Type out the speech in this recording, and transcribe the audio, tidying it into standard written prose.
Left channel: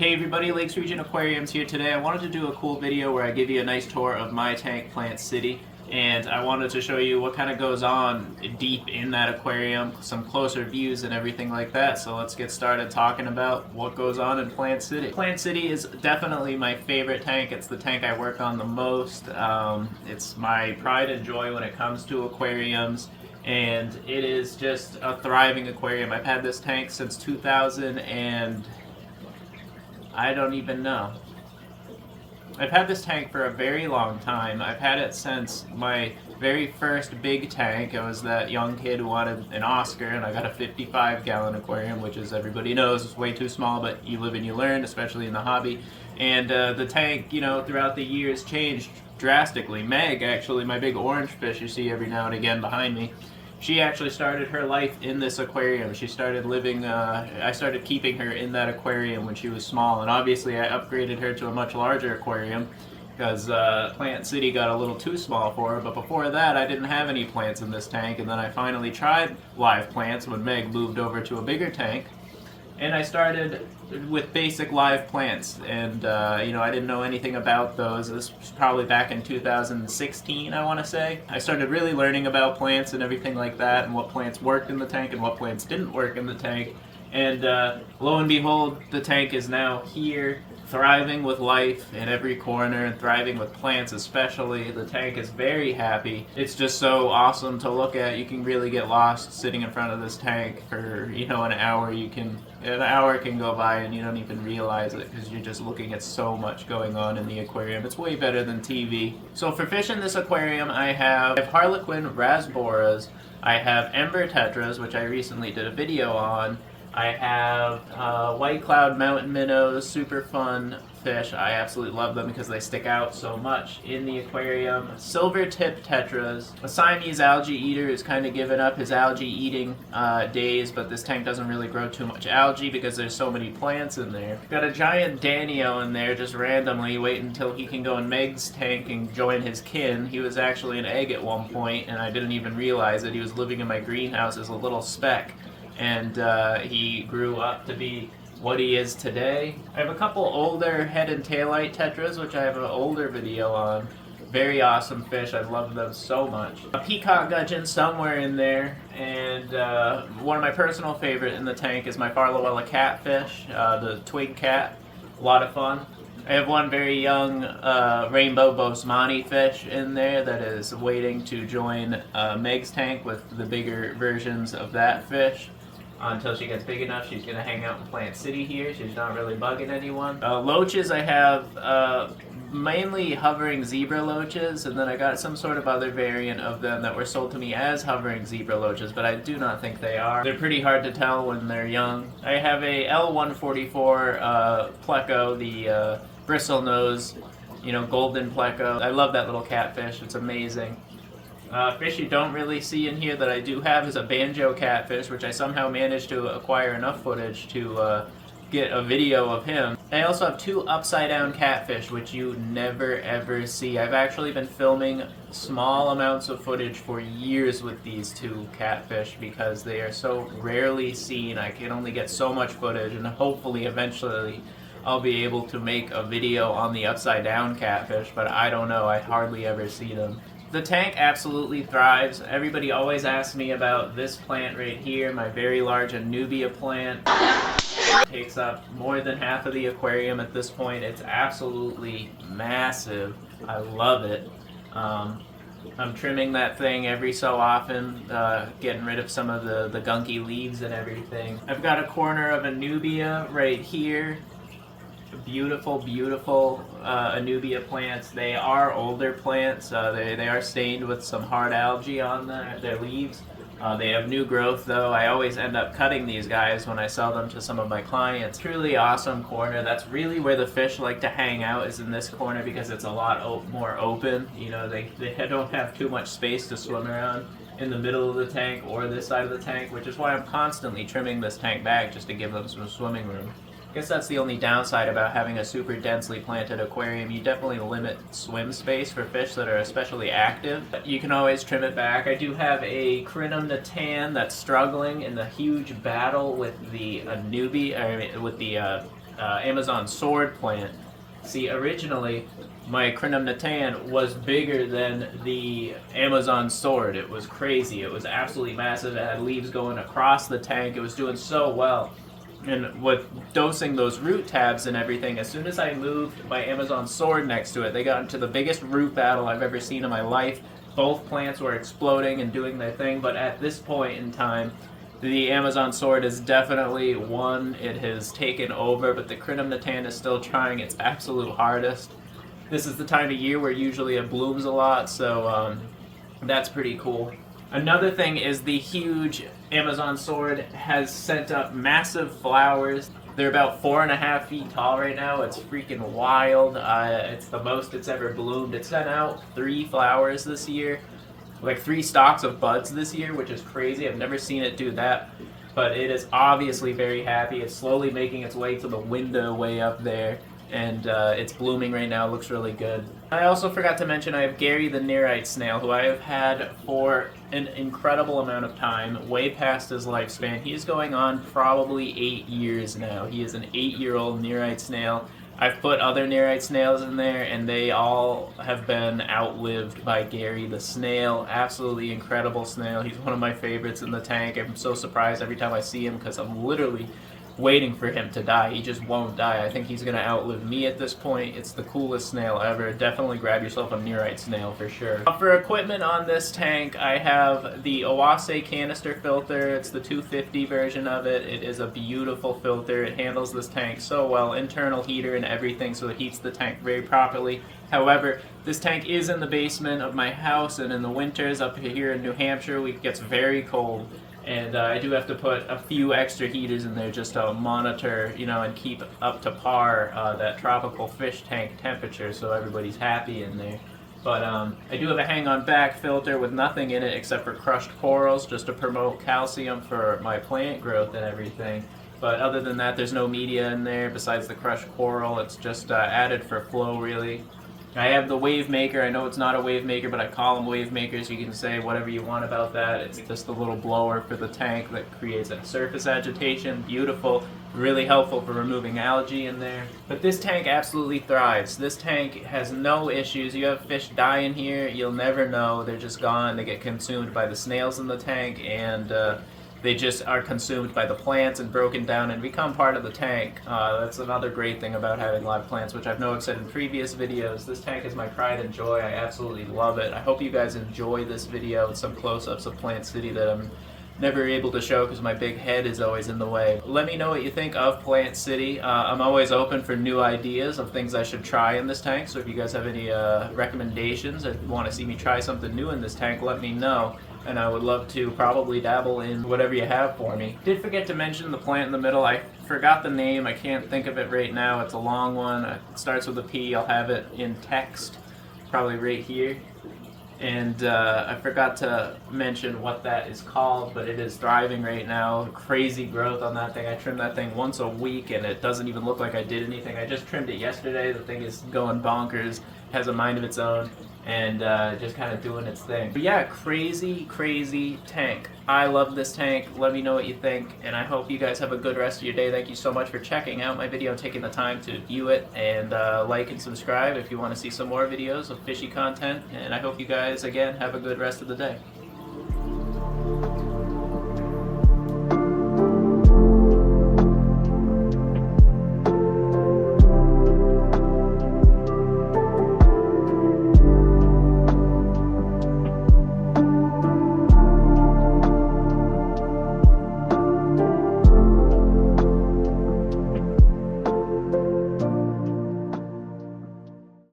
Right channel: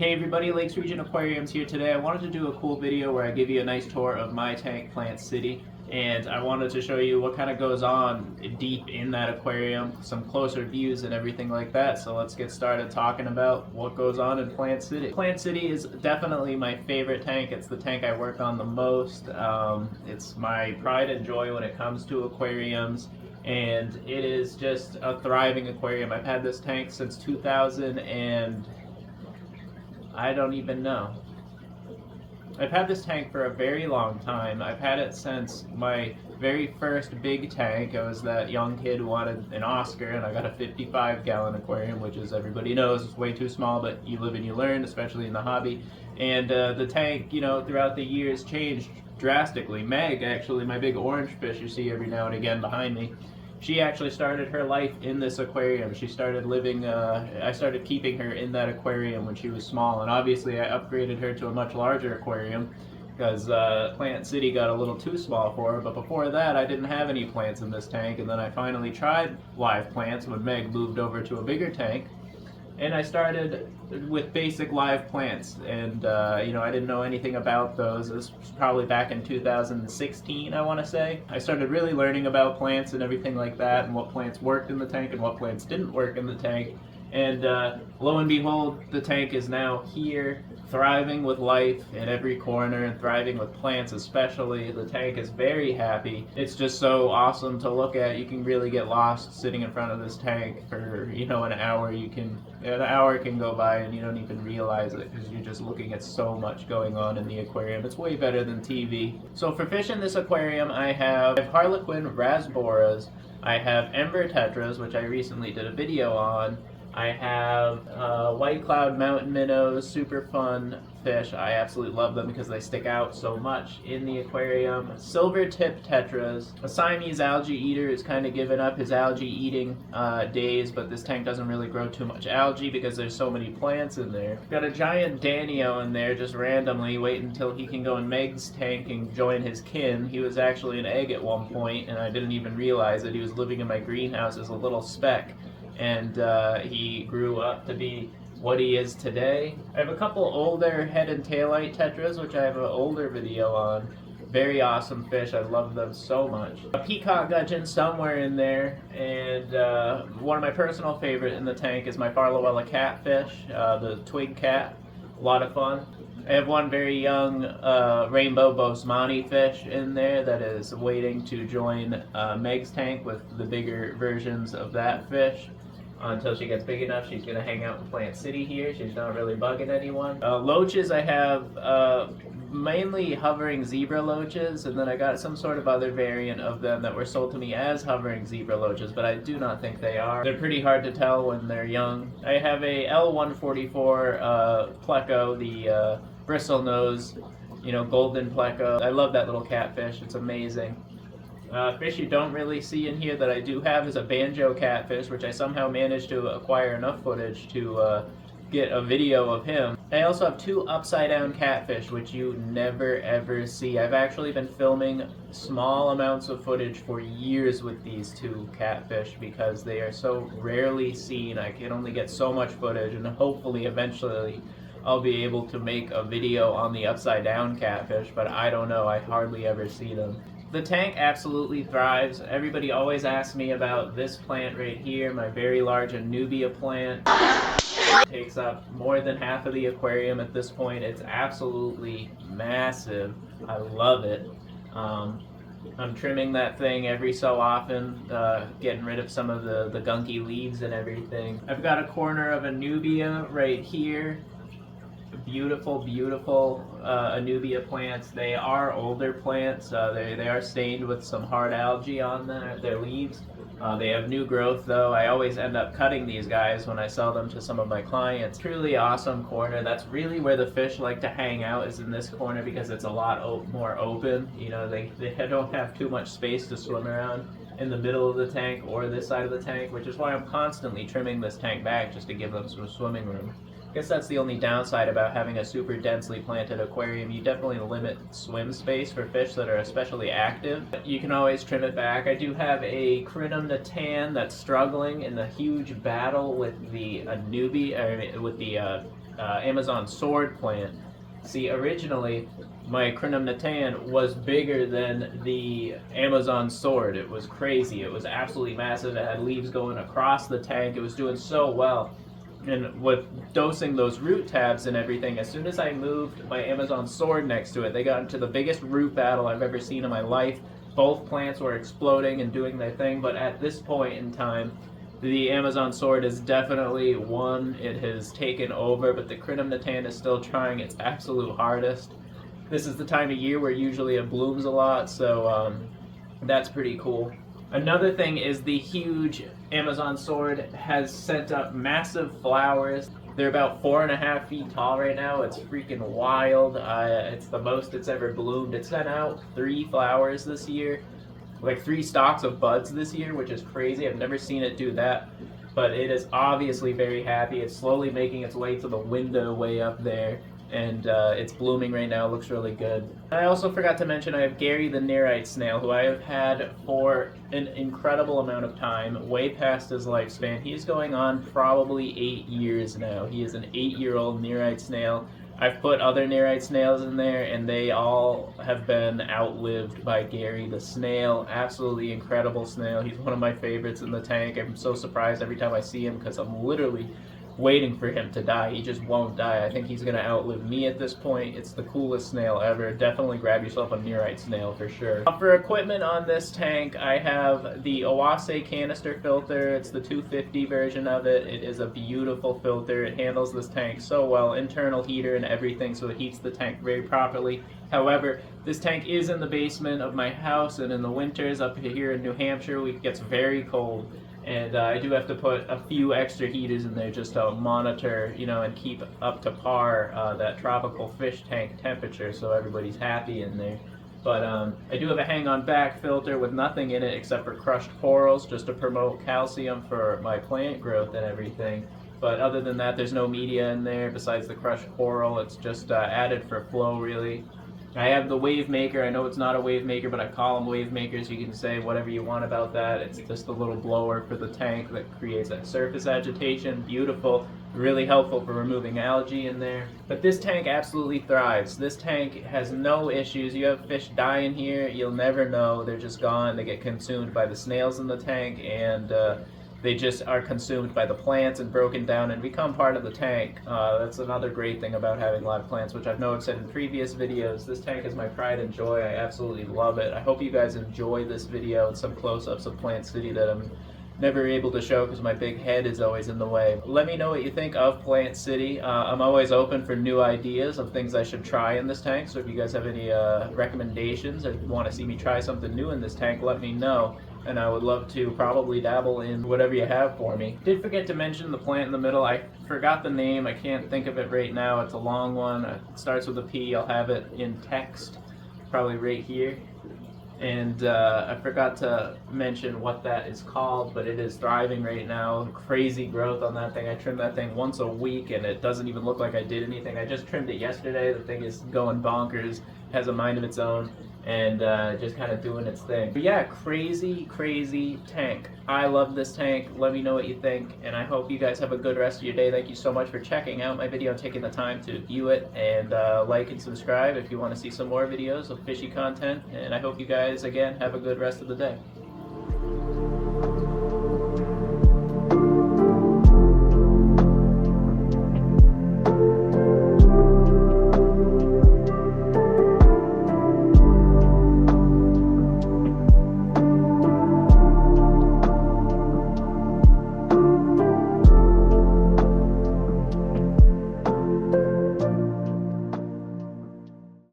Hey everybody, Lakes Region Aquariums here today. I wanted to do a cool video where I give you a nice tour of my tank, Plantcity, and I wanted to show you what kind of goes on deep in that aquarium, some closer views and everything like that. So let's get started talking about what goes on in Plantcity. Plantcity is definitely my favorite tank. It's the tank I work on the most. It's my pride and joy when it comes to aquariums. And it is just a thriving aquarium. I've had this tank since 2000 and I don't even know. I've had this tank for a very long time. I've had it since my very first big tank. I was that young kid who wanted an Oscar, and I got a 55-gallon aquarium, which, as everybody knows, is way too small, but you live and you learn, especially in the hobby. And the tank, throughout the years changed drastically. Meg, actually, my big orange fish you see every now and again behind me, she actually started her life in this aquarium. She started living, I started keeping her in that aquarium when she was small, and obviously I upgraded her to a much larger aquarium because Plantcity got a little too small for her. But before that, I didn't have any plants in this tank, and then I finally tried live plants when Meg moved over to a bigger tank. And I started with basic live plants, and I didn't know anything about those. This was probably back in 2016, I want to say. I started really learning about plants and everything like that, and what plants worked in the tank and what plants didn't work in the tank. And lo and behold, the tank is now here, thriving with life in every corner, and thriving with plants especially. The tank is very happy. It's just so awesome to look at. You can really get lost sitting in front of this tank for, an hour. An hour can go by and you don't even realize it because you're just looking at so much going on in the aquarium. It's way better than TV. So for fish in this aquarium, I have Harlequin rasboras, I have ember tetras, which I recently did a video on. I have white cloud mountain minnows, super fun fish. I absolutely love them because they stick out so much in the aquarium. Silver tip tetras. A Siamese algae eater who's kind of given up his algae eating days, but this tank doesn't really grow too much algae because there's so many plants in there. Got a giant Danio in there just randomly, waiting until he can go in Meg's tank and join his kin. He was actually an egg at one point, and I didn't even realize it. He was living in my greenhouse as a little speck. And he grew up to be what he is today. I have a couple older head and taillight tetras, which I have an older video on. Very awesome fish. I love them so much. A peacock gudgeon somewhere in there, and one of my personal favorite in the tank is my Farlowella catfish, the twig cat. A lot of fun. I have one very young rainbow bosemani fish in there that is waiting to join Meg's tank with the bigger versions of that fish. Until she gets big enough, she's going to hang out in Plantcity here. She's not really bugging anyone. Loaches, I have mainly hovering zebra loaches, and then I got some sort of other variant of them that were sold to me as hovering zebra loaches, but I do not think they are. They're pretty hard to tell when they're young. I have a L144 pleco, the bristle nose, golden pleco. I love that little catfish. It's amazing. Fish you don't really see in here that I do have is a Banjo Catfish, which I somehow managed to acquire enough footage to get a video of him. I also have two upside down catfish, which you never ever see. I've actually been filming small amounts of footage for years with these two catfish because they are so rarely seen. I can only get so much footage, and hopefully eventually I'll be able to make a video on the upside down catfish, but I don't know. I hardly ever see them. The tank absolutely thrives. Everybody always asks me about this plant right here, my very large Anubia plant. It takes up more than half of the aquarium at this point. It's absolutely massive. I love it. I'm trimming that thing every so often, getting rid of some of the gunky leaves and everything. I've got a corner of Anubia right here. Beautiful Anubia plants. They are older plants. They are stained with some hard algae on their leaves. They have new growth though. I always end up cutting these guys when I sell them to some of my clients. Truly awesome corner. That's really where the fish like to hang out, is in this corner, because it's a lot more open. They don't have too much space to swim around in the middle of the tank or this side of the tank, which is why I'm constantly trimming this tank back just to give them some swimming room. I guess that's the only downside about having a super densely planted aquarium. You definitely limit swim space for fish that are especially active. But you can always trim it back. I do have a Crinum natan that's struggling in the huge battle with the Anubia, or with the Amazon sword plant. See, originally, my Crinum natan was bigger than the Amazon sword. It was crazy. It was absolutely massive. It had leaves going across the tank. It was doing so well. And with dosing those root tabs and everything, as soon as I moved my Amazon sword next to it, they got into the biggest root battle I've ever seen in my life. Both plants were exploding and doing their thing, but at this point in time, the Amazon sword is definitely won. It has taken over, but the Crinum natan is still trying its absolute hardest. This is the time of year where usually it blooms a lot, so that's pretty cool. Another thing is the huge Amazon sword has sent up massive flowers. They're about 4.5 feet tall right now. It's freaking wild. It's the most it's ever bloomed. It sent out 3 flowers this year, like 3 stalks of buds this year, which is crazy. I've never seen it do that, but it is obviously very happy. It's slowly making its way to the window way up there, and it's blooming right now. It looks really good. I also forgot to mention I have Gary the Nereid snail, who I have had for an incredible amount of time, way past his lifespan. He's going on probably 8 years now. He is an 8-year-old Nereid snail. I've put other Nereid snails in there, and they all have been outlived by Gary the snail. Absolutely incredible snail. He's one of my favorites in the tank. I'm so surprised every time I see him because I'm literally waiting for him to die. He just won't die. I think he's going to outlive me at this point. It's the coolest snail ever. Definitely grab yourself a Nereid snail for sure. For equipment on this tank, I have the Owase canister filter. It's the 250 version of it. It is a beautiful filter. It handles this tank so well. Internal heater and everything, so it heats the tank very properly. However, this tank is in the basement of my house, and in the winters up here in New Hampshire, it gets very cold. And I do have to put a few extra heaters in there just to monitor, and keep up to par that tropical fish tank temperature, so everybody's happy in there. But I do have a hang-on back filter with nothing in it except for crushed corals, just to promote calcium for my plant growth and everything. But other than that, there's no media in there besides the crushed coral. It's just added for flow, really. I have the Wavemaker. I know it's not a Wavemaker, but I call them Wavemakers. You can say whatever you want about that. It's just a little blower for the tank that creates a surface agitation. Beautiful, really helpful for removing algae in there. But this tank absolutely thrives. This tank has no issues. You have fish die in here, you'll never know. They're just gone. They get consumed by the snails in the tank, and they just are consumed by the plants and broken down and become part of the tank. That's another great thing about having live plants, which I've said in previous videos. This tank is my pride and joy. I absolutely love it. I hope you guys enjoy this video and some close-ups of Plant City that I'm never able to show because my big head is always in the way. Let me know what you think of Plant City. I'm always open for new ideas of things I should try in this tank, so if you guys have any recommendations or want to see me try something new in this tank, let me know. And I would love to probably dabble in whatever you have for me. Did forget to mention the plant in the middle. I forgot the name. I can't think of it right now. It's a long one. It starts with a P. I'll have it in text, probably right here. And I forgot to mention what that is called, but it is thriving right now. Crazy growth on that thing. I trimmed that thing once a week, and it doesn't even look like I did anything. I just trimmed it yesterday. The thing is going bonkers, has a mind of its own, and just kind of doing its thing. But yeah, crazy tank. I love this tank. Let me know what you think, and I hope you guys have a good rest of your day. Thank you so much for checking out my video and taking the time to view it, and like and subscribe if you want to see some more videos of fishy content, and I hope you guys, again, have a good rest of the day.